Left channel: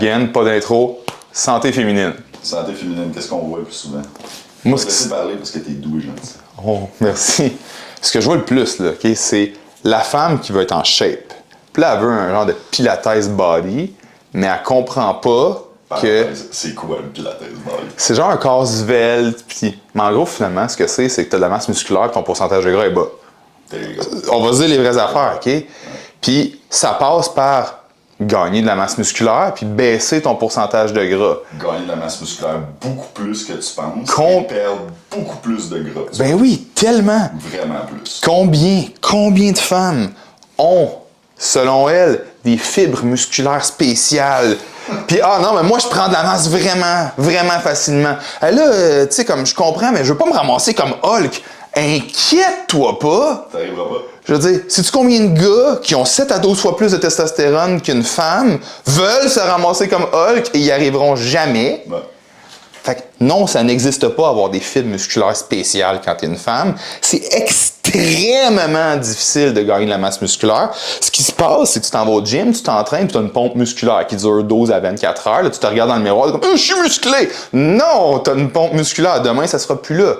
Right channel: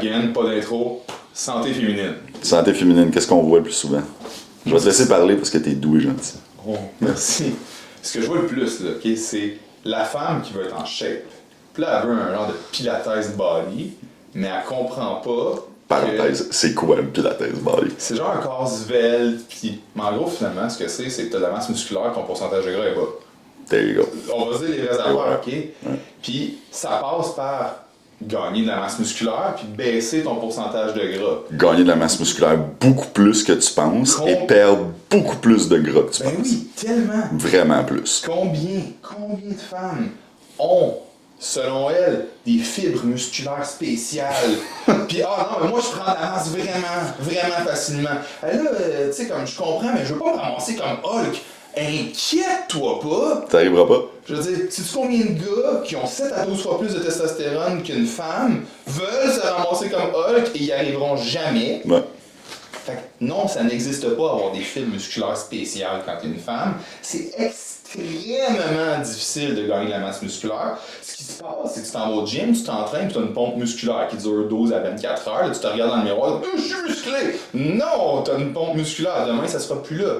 Again, pas d'intro. Santé féminine. Santé féminine, qu'est-ce qu'on voit le plus souvent? Moi, je vais te laisser parler parce que t'es doux et gentil. Oh, merci. Ce que je vois le plus, là, okay, c'est la femme qui veut être en shape. Puis là, elle veut un genre de pilates body, mais elle comprend pas Parenthèse, c'est quoi un pilates body? c'est genre un corps svelte, puis... Mais en gros, finalement, ce que c'est que t'as de la masse musculaire, ton pourcentage de gras est bas. There you go. On va se dire les vraies affaires, OK? Ouais. Puis ça passe par gagner de la masse musculaire puis baisser ton pourcentage de gras. Gagner de la masse musculaire beaucoup plus que tu penses et perdre beaucoup plus de gras que tu Ben penses. oui, tellement! Vraiment plus. Combien de femmes ont, selon elles, des fibres musculaires spéciales? Puis, non, mais moi, je prends de la masse vraiment facilement. Là, tu sais, comme je comprends, mais je veux pas me ramasser comme Hulk. Inquiète-toi pas! T'arriveras pas. Je veux dire, sais-tu combien de gars qui ont 7 à 12 fois plus de testostérone qu'une femme veulent se ramasser comme Hulk et y arriveront jamais? Ouais. Fait que non, ça n'existe pas avoir des fibres musculaires spéciales quand t'es une femme. C'est extrêmement difficile de gagner de la masse musculaire. Ce qui se passe, c'est que tu t'en vas au gym, tu t'entraînes, puis t'as une pompe musculaire qui dure 12 à 24 heures. Là, tu te regardes dans le miroir, t'es comme « je suis musclé! » Non, t'as une pompe musculaire. Demain, ça sera plus là.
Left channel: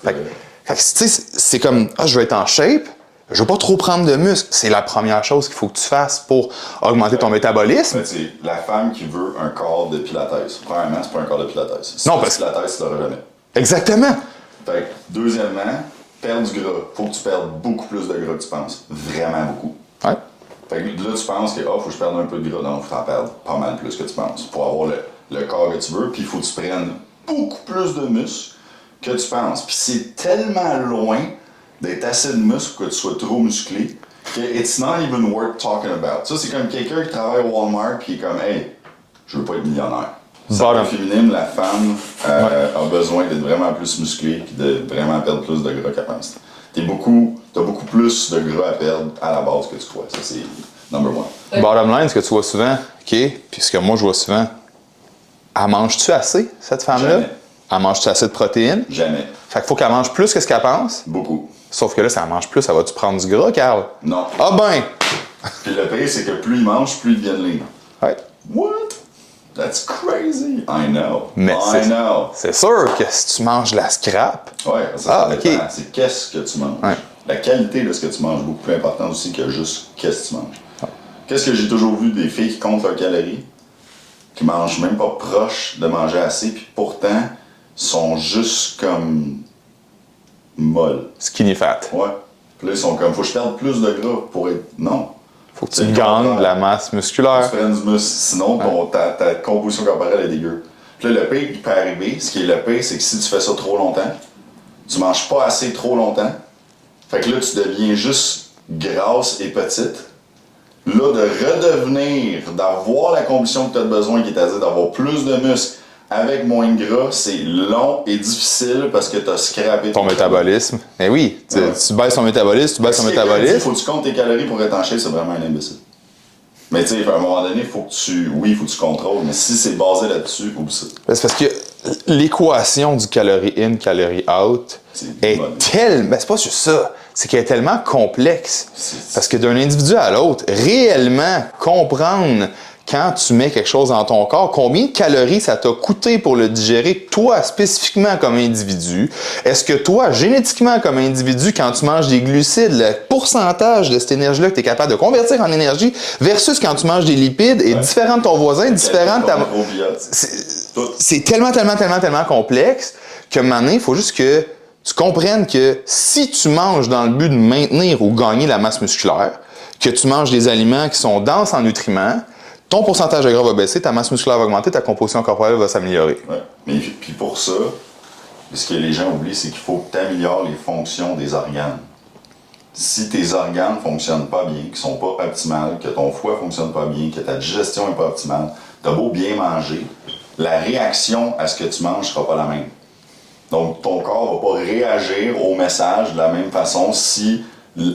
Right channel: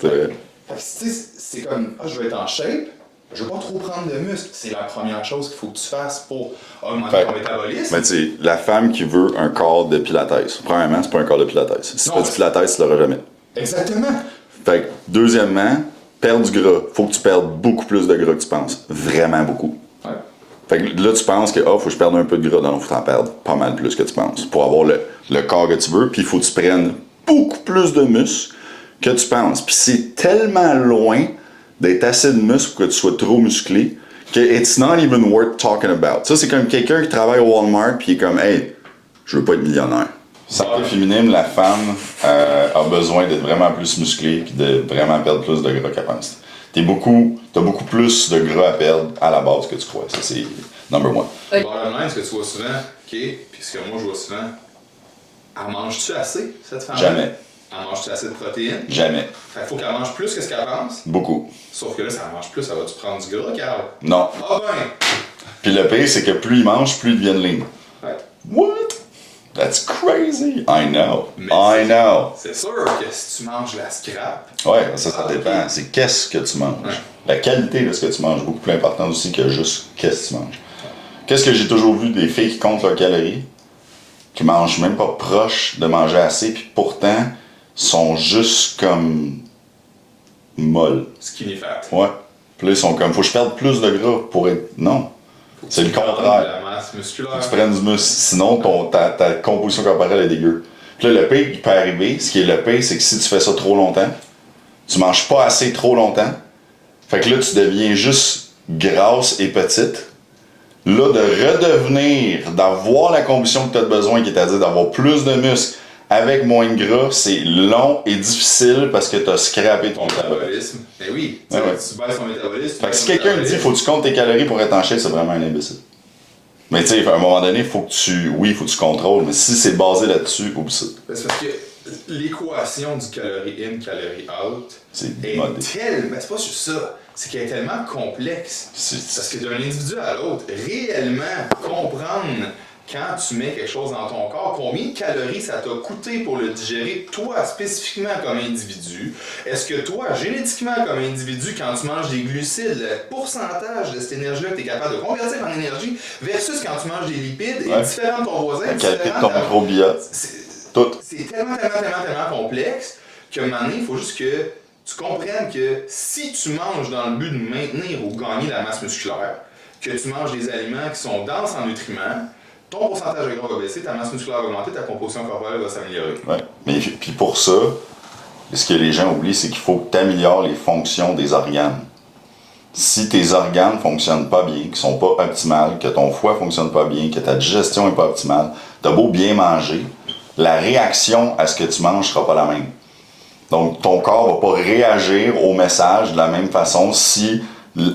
Fait que, tu sais, c'est comme « je veux être en shape. » Je veux pas trop prendre de muscle. C'est la première chose qu'il faut que tu fasses pour augmenter ton métabolisme. Mais tu sais, la femme qui veut un corps de pilates, premièrement, c'est pas un corps de pilates. Si Non, tu fais pilates, tu l'auras jamais. Exactement. Fait que, deuxièmement, perdre du gras. Faut que tu perdes beaucoup plus de gras que tu penses. Vraiment beaucoup. Ouais. Fait que là, tu penses que, faut que je perde un peu de gras. Non, faut t'en perdre pas mal plus que tu penses. Pour avoir le corps que tu veux, puis il faut que tu prennes beaucoup plus de muscles que tu penses. Puis c'est tellement loin d'être assez de muscle pour que tu sois trop musclé que it's not even worth talking about. Ça, c'est comme quelqu'un qui travaille au Walmart puis il est comme, hey, je veux pas être millionnaire. Santé féminine, la femme a besoin d'être vraiment plus musclée puis de vraiment perdre plus de gras qu'elle pense. T'as beaucoup plus de gras à perdre à la base que tu crois. Ça, c'est number one. Bottom line, ce que tu vois souvent, OK, puis ce que moi je vois souvent, elle mange-tu assez, cette femme-là? Jamais. Elle mange-tu assez de protéines? Jamais. Fait qu'il faut qu'elle mange plus que ce qu'elle pense. Beaucoup. Sauf que là, si elle mange plus, ça va-tu prendre du gras, Carl? Non. Ah ben! Puis le pire, c'est que plus ils mangent, plus ils deviennent lean. Ouais. What? That's crazy. I know. Mais I know. C'est sûr que si tu manges de la scrap... Ouais, ça dépend. OK. C'est qu'est-ce que tu manges. Ouais. La qualité de ce que tu manges est beaucoup plus importante aussi que juste qu'est-ce que tu manges. Qu'est-ce que j'ai toujours vu des filles qui comptent leurs calories, qui mangent même pas proche de manger assez, puis pourtant sont juste comme molles. Skinny fat. Ouais. Puis là, ils sont comme, faut que je perde plus de gras pour être. Non. Faut que C'est tu le gagnes contraire. de la masse musculaire. Tu prennes du muscle, sinon ta composition corporelle est dégueu. Puis là, le pire qui peut arriver, ce qui est le pire, c'est que si tu fais ça trop longtemps, tu manges pas assez trop longtemps, fait que là, tu deviens juste grasse et petite. Là, de redevenir, d'avoir la composition que tu as besoin, qui est à dire d'avoir plus de muscles avec moins de gras, c'est long et difficile parce que tu as scrappé Ton métabolisme. Mais oui, Ouais. tu baisses ton métabolisme, tu baisses ton Si quelqu'un dit métabolisme. faut que tu comptes tes calories pour être en shape, c'est vraiment un imbécile. Mais tu sais, à un moment donné, faut que tu contrôles, mais si c'est basé là-dessus, oublie ça. C'est parce que l'équation du calorie in, calorie out est tellement... Ben, c'est pas juste ça. C'est qu'elle est tellement complexe. Parce que d'un individu à l'autre, réellement comprendre quand tu mets quelque chose dans ton corps, combien de calories ça t'a coûté pour le digérer, toi spécifiquement comme individu. Est-ce que toi, génétiquement comme individu, quand tu manges des glucides, le pourcentage de cette énergie-là que tu es capable de convertir en énergie versus quand tu manges des lipides est différent de ton voisin, différent de ta... C'est tellement complexe que maintenant, il faut juste que tu comprennes que si tu manges dans le but de maintenir ou gagner la masse musculaire, que tu manges des aliments qui sont denses en nutriments, ton pourcentage de gras va baisser, ta masse musculaire va augmenter, ta composition corporelle va s'améliorer. Ouais. Mais puis pour ça, ce que les gens oublient, c'est qu'il faut que tu améliores les fonctions des organes. Si tes organes ne fonctionnent pas bien, qu'ils sont pas optimales, que ton foie ne fonctionne pas bien, que ta digestion n'est pas optimale, tu as beau bien manger, la réaction à ce que tu manges ne sera pas la même. Donc, ton corps ne va pas réagir au message de la même façon si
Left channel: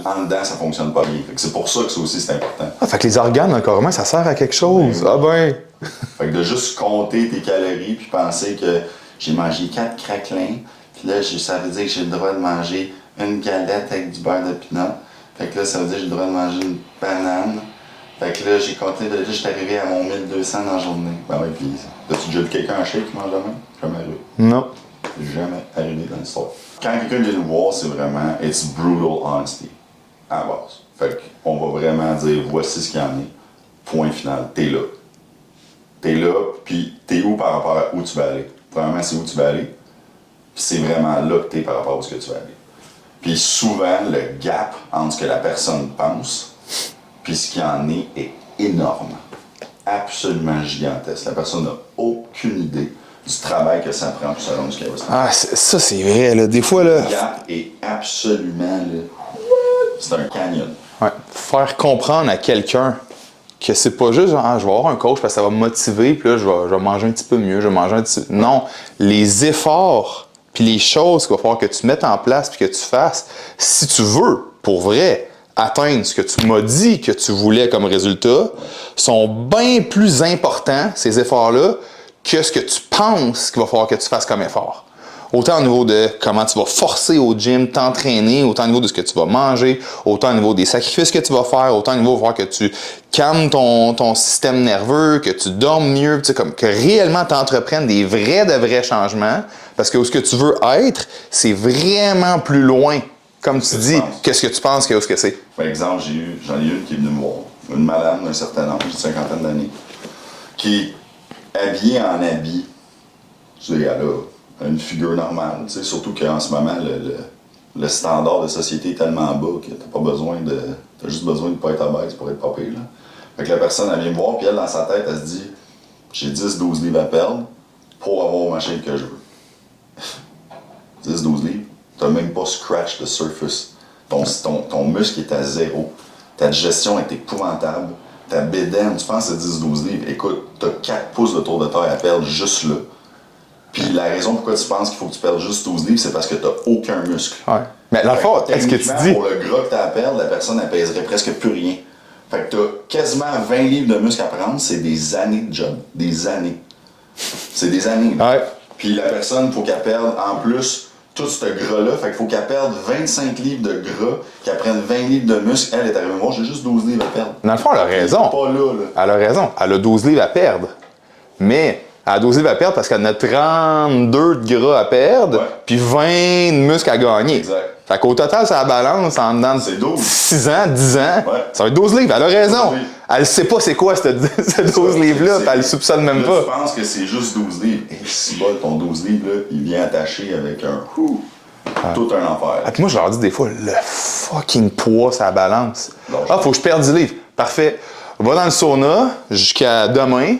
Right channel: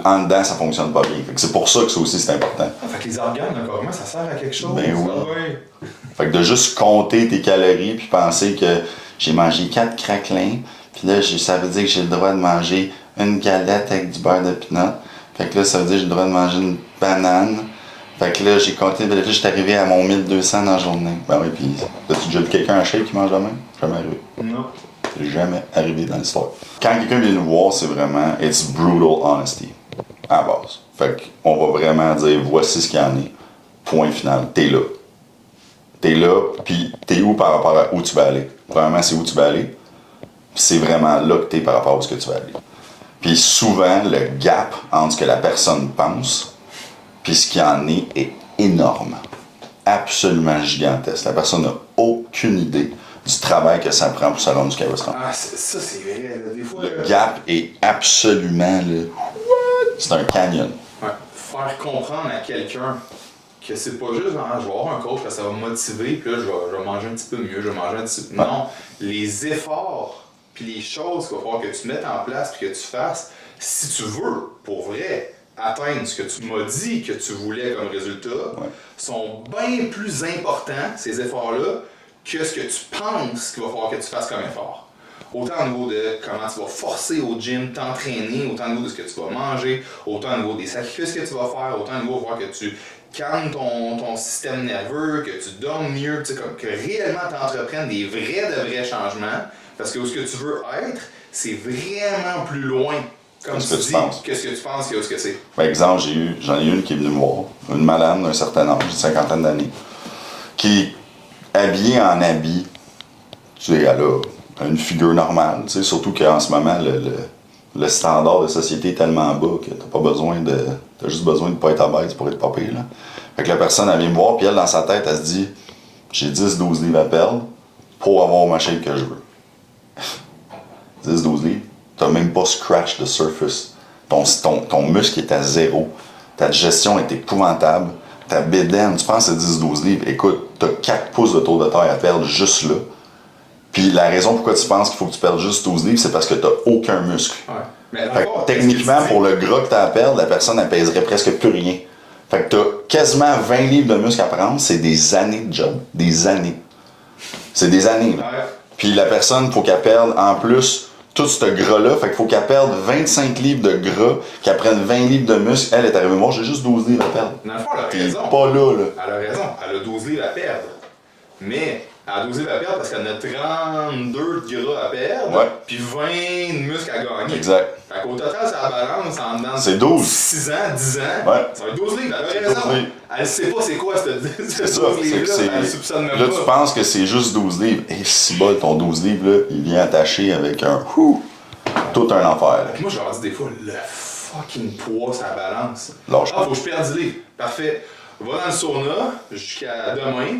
en dedans ça ne fonctionne pas bien. Fait que c'est pour ça que ça aussi c'est important. Ah, fait que les organes dans le corps humain, ça sert à quelque chose. Ben oui. Ah ben! Fait que de juste compter tes calories puis penser que j'ai mangé 4 craquelins, puis là, ça veut dire que j'ai le droit de manger une galette avec du beurre de pinot. Fait que là, ça veut dire que j'ai le droit de manger une banane Fait que là, j'ai compté, j'étais arrivé à mon 1200 dans la journée. Ben oui, puis as-tu déjà vu quelqu'un en shape qui mange la même? Jamais arrivé. Non. C'est jamais arrivé dans l'histoire. Quand quelqu'un vient nous voir, c'est vraiment, it's brutal honesty, à la base. Fait qu'on va vraiment dire, voici ce qu'il y en est. Point final. T'es là. T'es là, puis t'es où par rapport à où tu vas aller? Premièrement, c'est où tu vas aller, puis c'est vraiment là que t'es par rapport à où tu vas aller. Puis souvent, le gap entre ce que la personne pense puis ce qu'il y en est énorme. Absolument gigantesque. La personne n'a aucune idée du travail que ça prend pour se rendre jusqu'à où ça. Ah, ça, c'est vrai, là. Des fois, là... Le gap est absolument, là... C'est un canyon. Ouais. Faire comprendre à quelqu'un que c'est pas juste genre, je vais avoir un coach parce que ça va me motiver, puis là, je vais manger un petit peu mieux, je vais manger un petit peu... Non, les efforts puis les choses qu'il va falloir que tu mettes en place puis que tu fasses, si tu veux, pour vrai, atteindre ce que tu m'as dit que tu voulais comme résultat, sont bien plus importants, ces efforts-là, que ce que tu penses qu'il va falloir que tu fasses comme effort. Autant au niveau de comment tu vas forcer au gym, t'entraîner, autant au niveau de ce que tu vas manger, autant au niveau des sacrifices que tu vas faire, autant au niveau de voir que tu calmes ton système nerveux, que tu dormes mieux, tu sais, comme que réellement tu entreprennes des de vrais changements, parce que où ce que tu veux être, c'est vraiment plus loin, comme tu dis, que ce que tu penses que où ce que c'est. Par exemple, j'en ai une qui est venue me voir, une madame d'un certain âge, une cinquantaine d'années, qui est habillée en habit, tu sais, elle a une figure normale, tu sais, surtout qu'en ce moment, le standard de société est tellement bas que t'as pas besoin de... T'as juste besoin de pas être obèse pour être pas pire, là. Fait que la personne, elle vient me voir, puis elle, dans sa tête, elle se dit « J'ai 10-12 livres à perdre pour avoir ma shape que je veux. » 10-12 livres, t'as même pas scratch the surface. Ton muscle est à zéro. Ta digestion est épouvantable. Ta bédaine, tu penses à 10-12 livres. Écoute, t'as 4 pouces de tour de taille à perdre juste là. Puis la raison pourquoi tu penses qu'il faut que tu perdes juste 12 livres, c'est parce que t'as aucun muscle. Ouais. Mais dans le fond, techniquement, pour le gras que t'as à perdre, la personne, elle pèserait presque plus rien. Fait que t'as quasiment 20 livres de muscle à prendre, c'est des années de job. Des années. C'est des années, là. Ouais. Puis la personne, faut qu'elle perde en plus tout ce gras-là. Fait qu'il faut qu'elle perde 25 livres de gras, qu'elle prenne 20 livres de muscle. Elle est arrivée, moi, j'ai juste 12 livres à perdre. Dans le fond, elle a raison. Pas là, là. Elle a raison. Elle a 12 livres à perdre. Mais elle a 12 livres à perdre parce qu'elle en a 32 de gras à perdre, Ouais. puis 20 de muscles à gagner. Exact. Fait qu'au total, ça balance en dedans de C'est 12. 6 ans, 10 ans. Ouais. Ça va être 12 livres. Elle a raison. 12 livres. Elle sait pas c'est quoi ce 12 livres-là, puis elle le soupçonne même là, pas. tu penses que c'est juste 12 livres. Et si bas, ton 12 livres, là, il vient attaché avec un... Tout un enfer. Ah, puis moi, je leur dis des fois, le fucking poids, ça balance. Lâche pas. Faut que je perde 10 livres. Parfait. Va dans le sauna jusqu'à demain.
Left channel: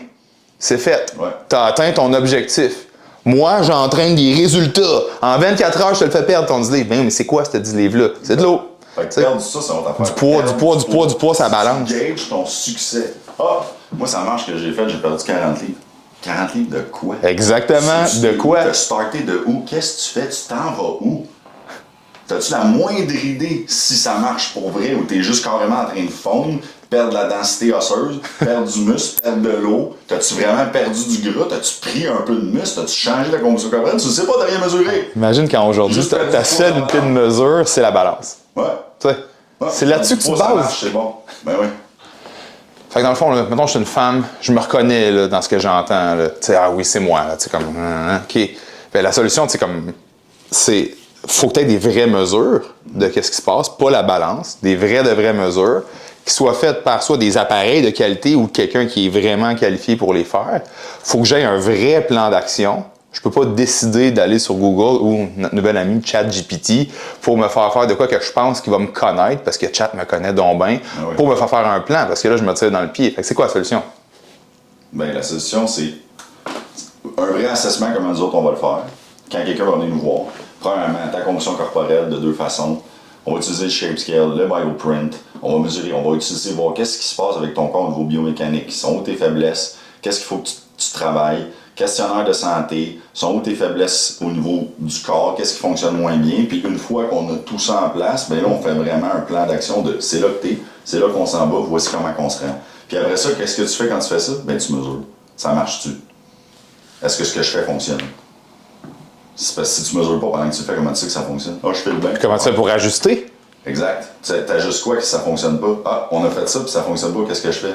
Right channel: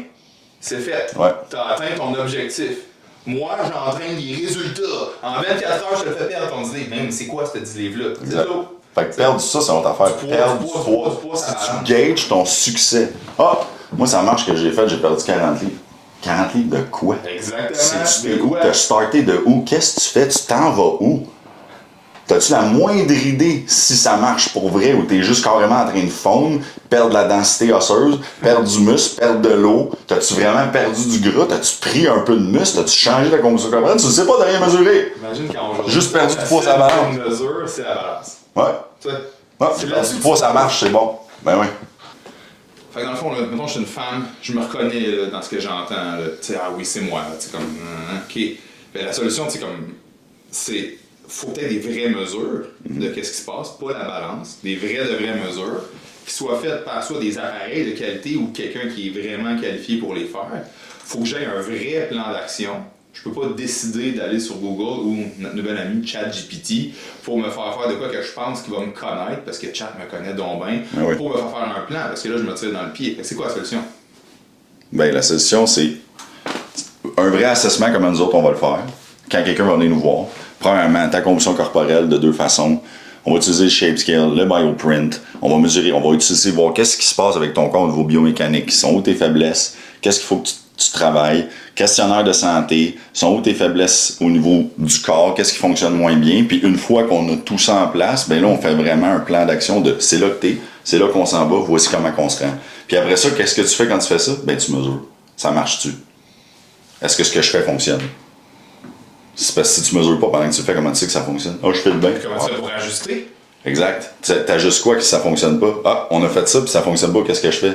C'est fait. Ouais. T'as atteint ton objectif. Moi, j'entraîne des résultats. En 24 heures, je te le fais perdre ton 10 livres. Mais c'est quoi, ce 10 livres-là? C'est de l'eau. Fait que perdre ça, c'est notre affaire. Du poids, ça balance. Tu gages ton succès. Ah! Moi, ça marche que j'ai fait, j'ai perdu 40 livres. 40 livres de quoi? Exactement. De quoi? T'as starté de où? Qu'est-ce que tu fais? Tu t'en vas où? T'as-tu la moindre idée si ça marche pour vrai ou t'es juste carrément en train de fondre, perdre de la densité osseuse, perdre du muscle, perdre de l'eau? T'as-tu vraiment perdu du gras? T'as-tu pris un peu de muscle? T'as-tu changé la composition corporelle? Tu ne sais pas, t'as rien mesuré. Imagine quand aujourd'hui, Juste perdu ta du poids, seule ça unité de balance. mesure, c'est la balance. Ouais. Tu sais, Ouais. c'est là-dessus que tu ça bases. marche, c'est bon. Ben oui. Fait que dans le fond, là, mettons, je suis une femme, je me reconnais là, dans ce que j'entends. Tu sais, ah oui, c'est moi. Tu sais, comme, OK. Ben, la solution, c'est comme, c'est, faut que tu aies des vraies mesures de qu'est-ce qui se passe, pas la balance, des vraies mesures, qui soient faites par soit des appareils de qualité ou quelqu'un qui est vraiment qualifié pour les faire. Faut que j'aie un vrai plan d'action. Je peux pas décider d'aller sur Google ou notre nouvelle amie ChatGPT pour me faire de quoi que je pense qu'il va me connaître, parce que Chat me connaît donc bien, oui. pour me faire un plan, parce que là, je me tire dans le pied. Fait que c'est quoi la solution? Ben, la solution, c'est un vrai assessment comme nous autres, on va le faire. Quand quelqu'un va venir nous voir, premièrement, ta composition corporelle de 2 façons. On va utiliser le shape scale, le bioprint. On va mesurer, on va utiliser, voir qu'est-ce qui se passe avec ton corps au niveau biomécanique. Sont où tes faiblesses? Qu'est-ce qu'il faut que tu travailles? Questionnaire de santé. Sont où tes faiblesses au niveau du corps? Qu'est-ce qui fonctionne moins bien? Puis une fois qu'on a tout ça en place, ben là, on fait vraiment un plan d'action de c'est là que t'es, c'est là qu'on s'en va, voici comment on se rend. Puis après ça, qu'est-ce que tu fais quand tu fais ça? Ben tu mesures. Ça marche-tu? Est-ce que ce que je fais fonctionne? C'est parce que si tu mesures pas pendant que tu le fais, comment tu sais que ça fonctionne? Ah, je fais le bien. Comment tu fais pour ajuster? Exact. T'as juste quoi que ça fonctionne pas? Ah, on a fait ça, puis ça fonctionne pas, qu'est-ce que je fais?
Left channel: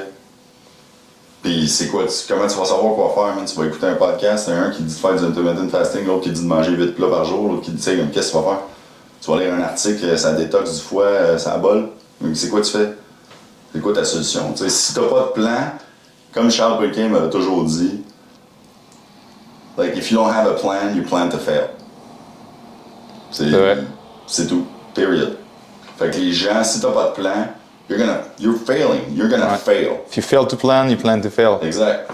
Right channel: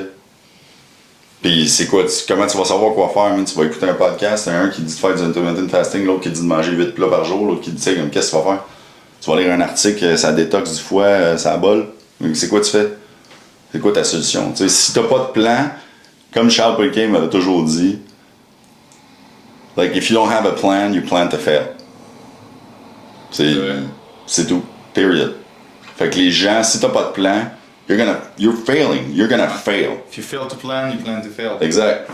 Puis c'est quoi? Comment tu vas savoir quoi faire? Man? Tu vas écouter un podcast, un qui dit de faire du intermittent fasting, l'autre qui dit de manger 8 plats par jour, l'autre qui dit, comme, qu'est-ce que tu vas faire? Tu vas lire un article, ça détoxe du foie, ça bol. Donc c'est quoi tu fais? C'est quoi ta solution? T'sais, si t'as pas de plan, comme Charles Briquet m'avait toujours dit, like, if you don't have a plan, you plan to fail. C'est tout. Period. Fait que les gens, si t'as pas de plan, you're failing. You're gonna fail. If you fail to plan, you plan to fail. Exact.